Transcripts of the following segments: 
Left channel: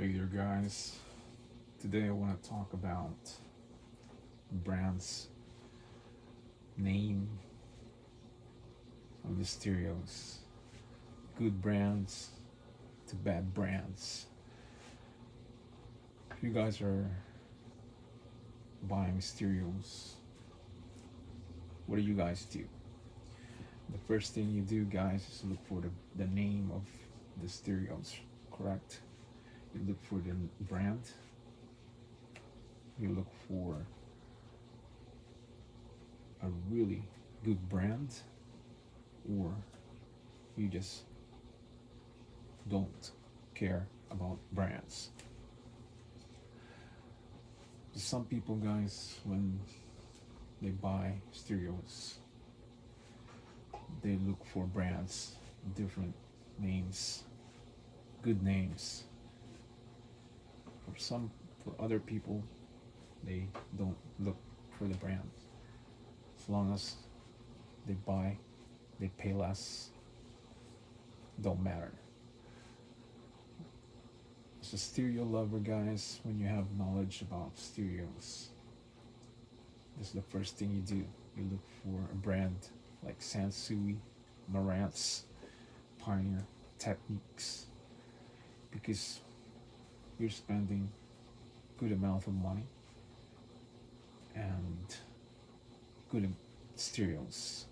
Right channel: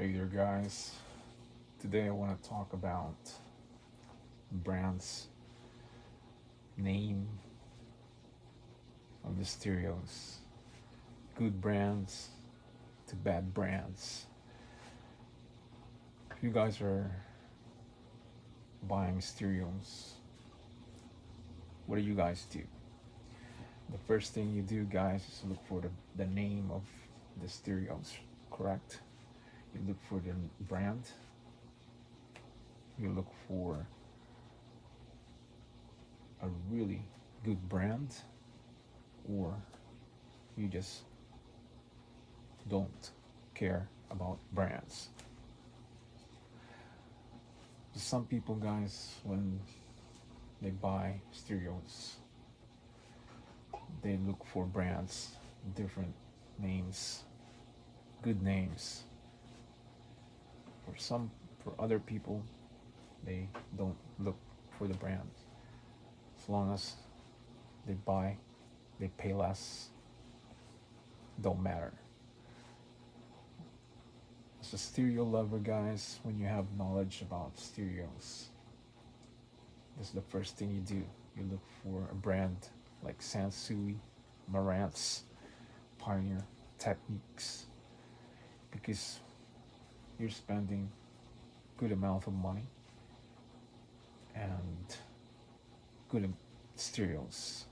Hey there, guys. Today I want to talk about brands, name of the stereos, good brands to bad brands. If you guys are buying stereos, what do you guys do? The first thing you do, guys, is look for the name of the stereos, correct? You look for the brand, you look for a really good brand, or you just don't care about brands. Some people, guys, when they buy stereos, they look for brands, different names, good names. For other people, they don't look for the brand. As long as they buy, they pay less, don't matter. As a stereo lover, guys, when you have knowledge about stereos, this is the first thing you do. You look for a brand like Sansui, Marantz, Pioneer, Techniques, because you're spending good amount of money and good stereos.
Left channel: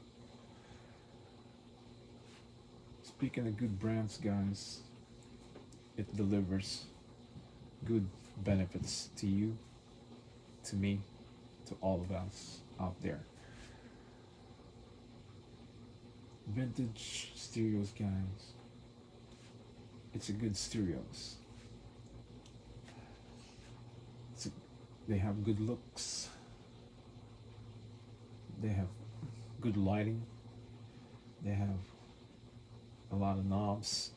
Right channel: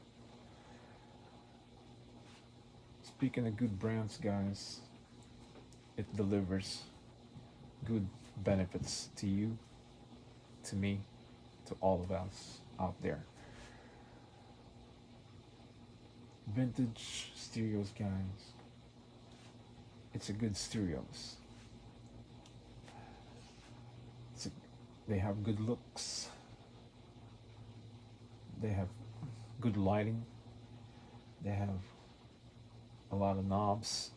Speaking of good brands, guys, it delivers good benefits to you, to me, to all of us out there. Vintage stereos, guys, it's a good stereos. They have good looks, they have good lighting, they have a lot of knobs,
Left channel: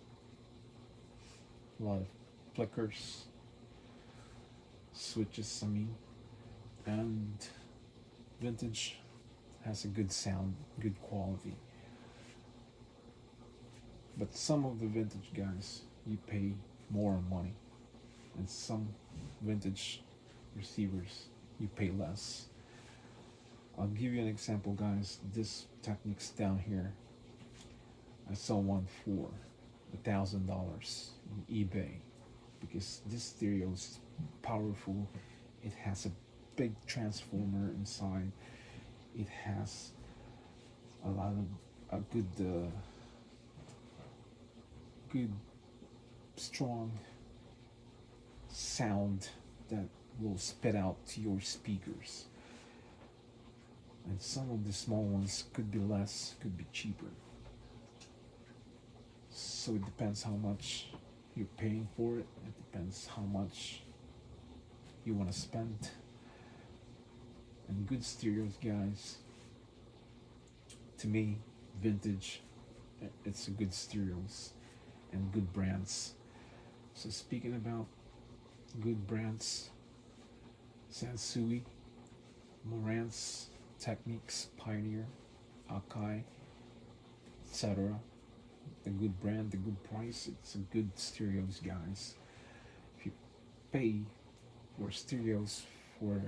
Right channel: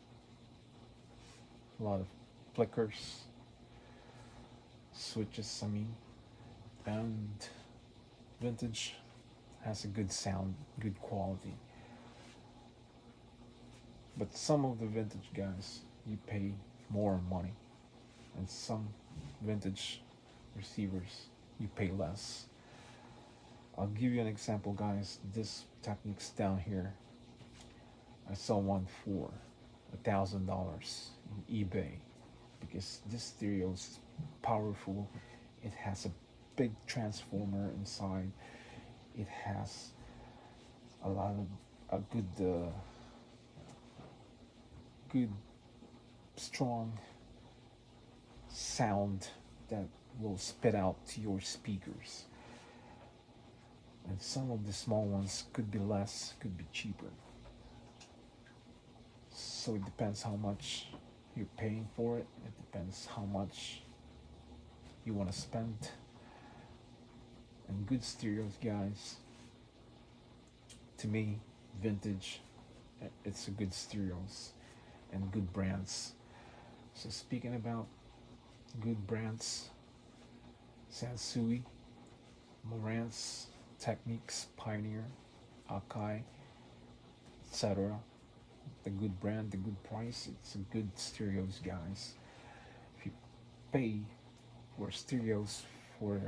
a lot of flickers, switches, and vintage has a good sound, good quality. But some of the vintage, guys, you pay more money, and some vintage receivers you pay less. I'll give you an example, guys. This Technics down here, I saw one for $1,000 in eBay, because this stereo is powerful. It has a big transformer inside. It has a lot of a good strong sound that will spit out to your speakers. And some of the small ones could be less, could be cheaper. So it depends how much you're paying for it. It depends how much you want to spend. And good stereos, guys, to me, vintage, it's a good stereos and good brands. So speaking about good brands, Sansui, Marantz, Techniques, Pioneer, Akai, etc. The good brand, the good price, it's a good stereos, guys. If you pay for stereos for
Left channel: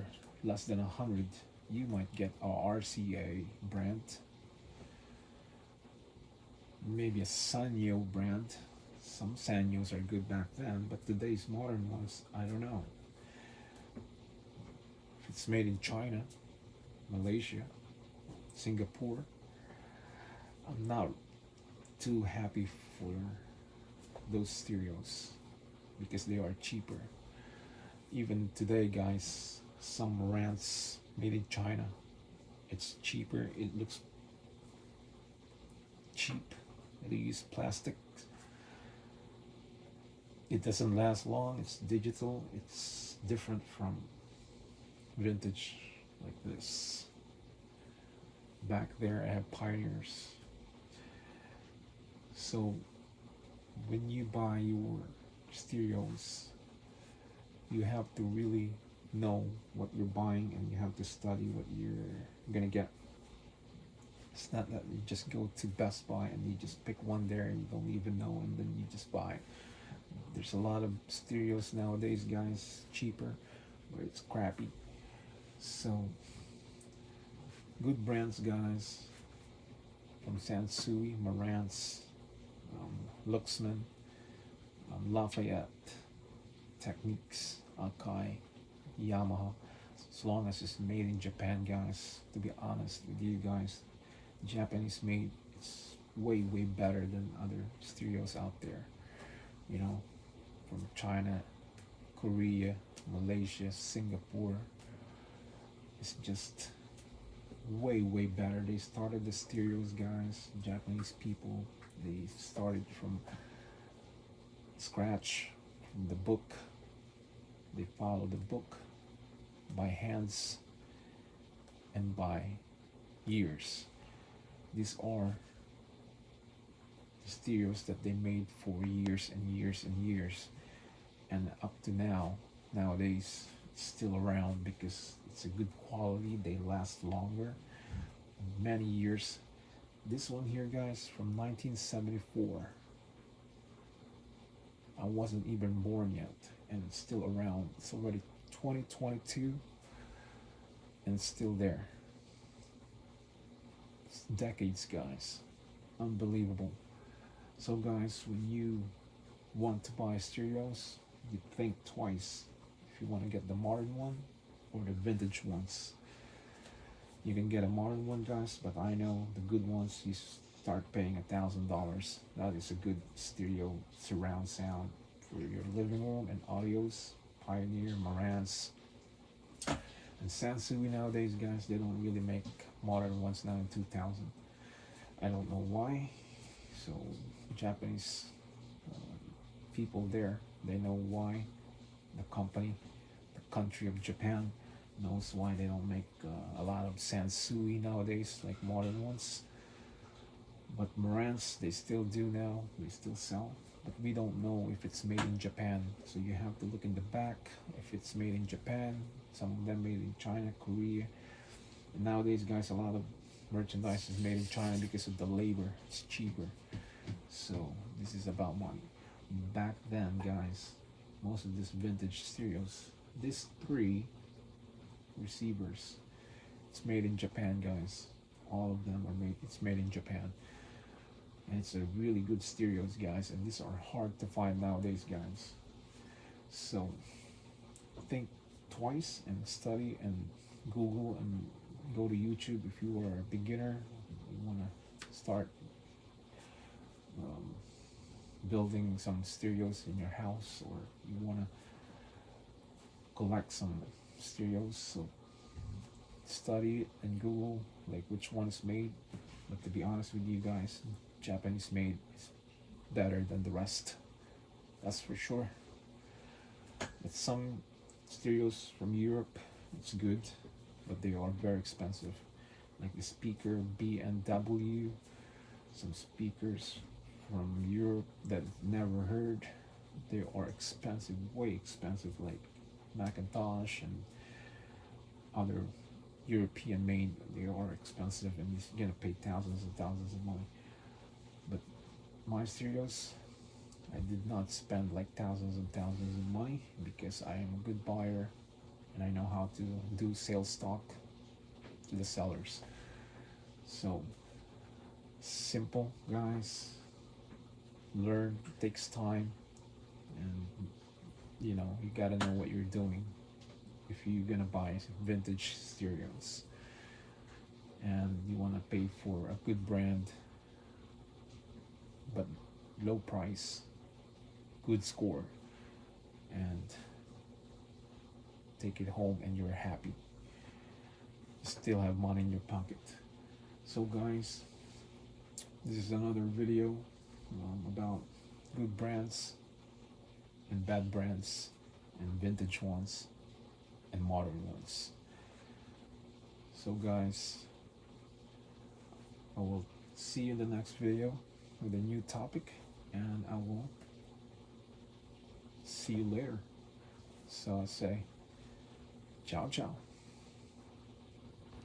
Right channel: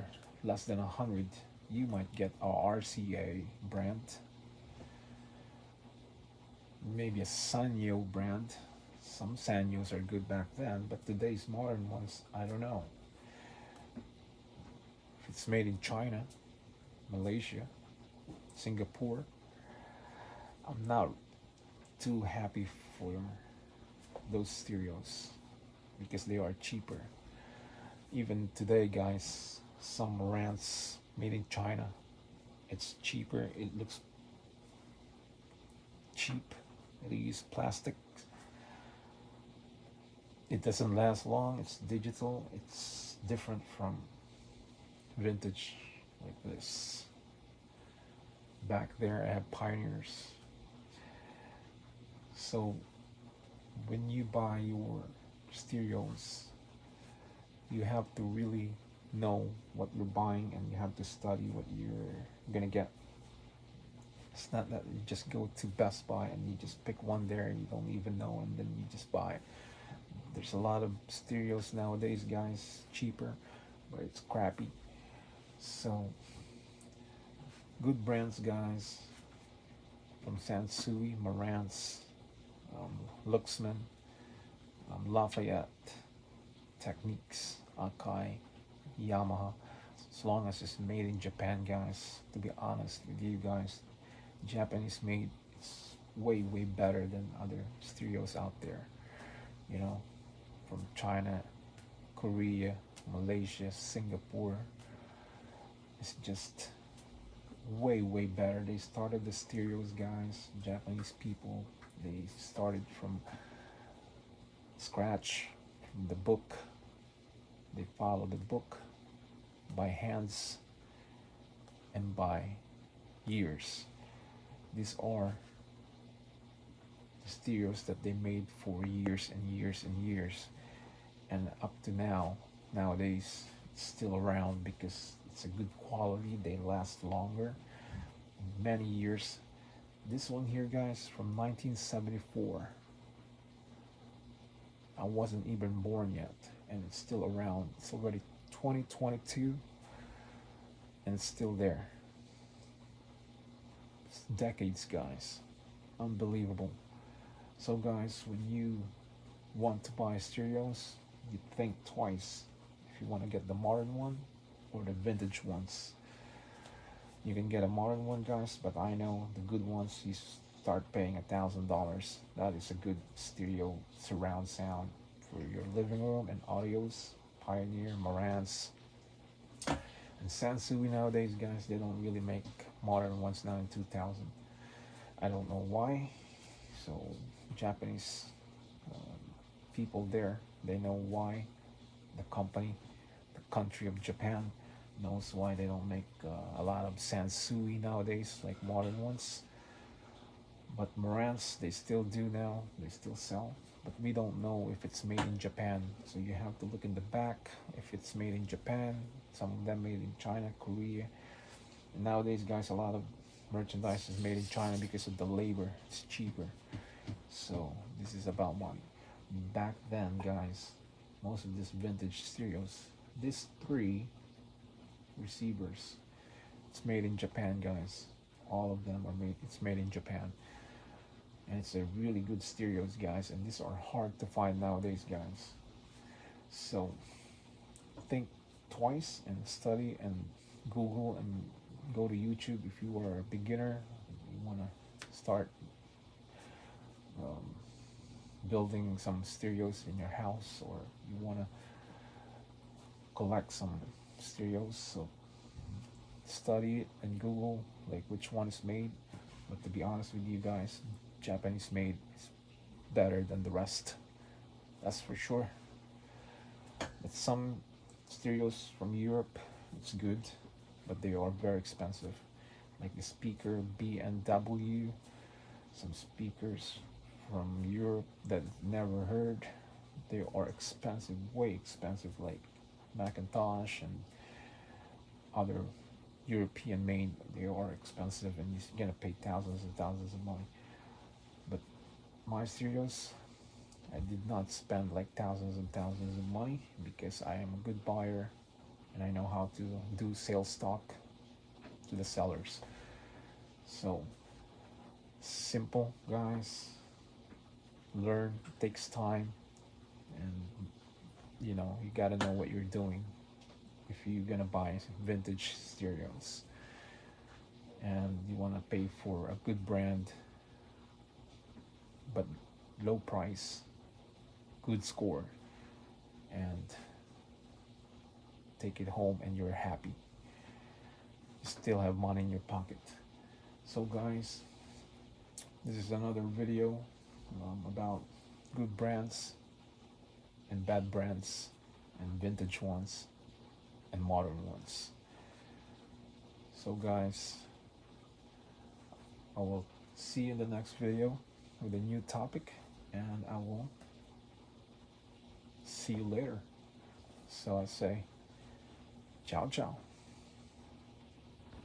less than 100, you might get a RCA brand, maybe a Sanyo brand. Some Sanyos are good back then, but today's modern ones, I don't know. If it's made in China, Malaysia, Singapore, I'm not too happy for those stereos because they are cheaper. Even today, guys, some Marantz made in China, it's cheaper. It looks cheap. They use plastic. It doesn't last long. It's digital. It's different from vintage like this. Back there, I have Pioneers. So when you buy your stereos, you have to really know what you're buying, and you have to study what you're gonna get. It's not that you just go to Best Buy and you just pick one there and you don't even know, and then you just buy. There's a lot of stereos nowadays, guys, cheaper, but it's crappy. So, good brands, guys, from Sansui, Marantz, Luxman, Lafayette, Techniques, Akai, Yamaha. As long as it's made in Japan, guys, to be honest with you guys, Japanese made is way better than other stereos out there. You know, from China, Korea, Malaysia, Singapore. It's just way better. They started the stereos, guys. Japanese people, they started from scratch, from the book. They follow the book by hands and by years. These are stereos that they made for years and years and years, and up to nowadays it's still around because it's a good quality. They last longer, many years. This one here, guys, from 1974. I wasn't even born yet, and it's still around. It's already 2022, and it's still there. It's decades, guys. Unbelievable. So, guys, when you want to buy stereos, you think twice if you want to get the modern one or the vintage ones. You can get a modern one, guys, but I know the good ones, you start paying $1,000. That is a good stereo surround sound for your living room, and audios. Pioneer, Marantz, and Sansui nowadays, guys, they don't really make modern ones now in 2000. I don't know why. So Japanese people there, they know why. The company, the country of Japan, knows why they don't make a lot of Sansui nowadays like modern ones. But Marantz, they still do now. They still sell, but we don't know if it's made in Japan. So you have to look in the back if it's made in Japan. Some of them made in China, Korea. And nowadays, guys, a lot of merchandise is made in China because of the labor. It's cheaper. So this is about money. Back then, guys, most of these vintage stereos, these three receivers, it's made in Japan, guys. All of them are made. It's made in Japan, and it's a really good stereos, guys. And these are hard to find nowadays, guys. So think twice and study and Google and go to YouTube if you are a beginner. You want to start building some stereos in your house, or you want to collect some stereos. So study it and Google like which one's made. But to be honest with you guys, Japanese made is better than the rest. That's for sure. But some stereos from Europe, it's good, but they are very expensive. Like the speaker B&W, some speakers from Europe that never heard. They are expensive, way expensive, like Macintosh and other European made. They are expensive, and you're gonna pay thousands and thousands of money. But my stereos, I did not spend like thousands and thousands of money because I am a good buyer and I know how to do sales talk to the sellers. So simple, guys. Learn, it takes time, and you gotta know what you're doing if you're gonna buy vintage stereos, and you want to pay for a good brand but low price, good score, and take it home and you're happy. You still have money in your pocket. So guys, this is another video about good brands and bad brands, and vintage ones and modern ones. So guys, I will see you in the next video with a new topic, and I will see you later. So I say ciao ciao.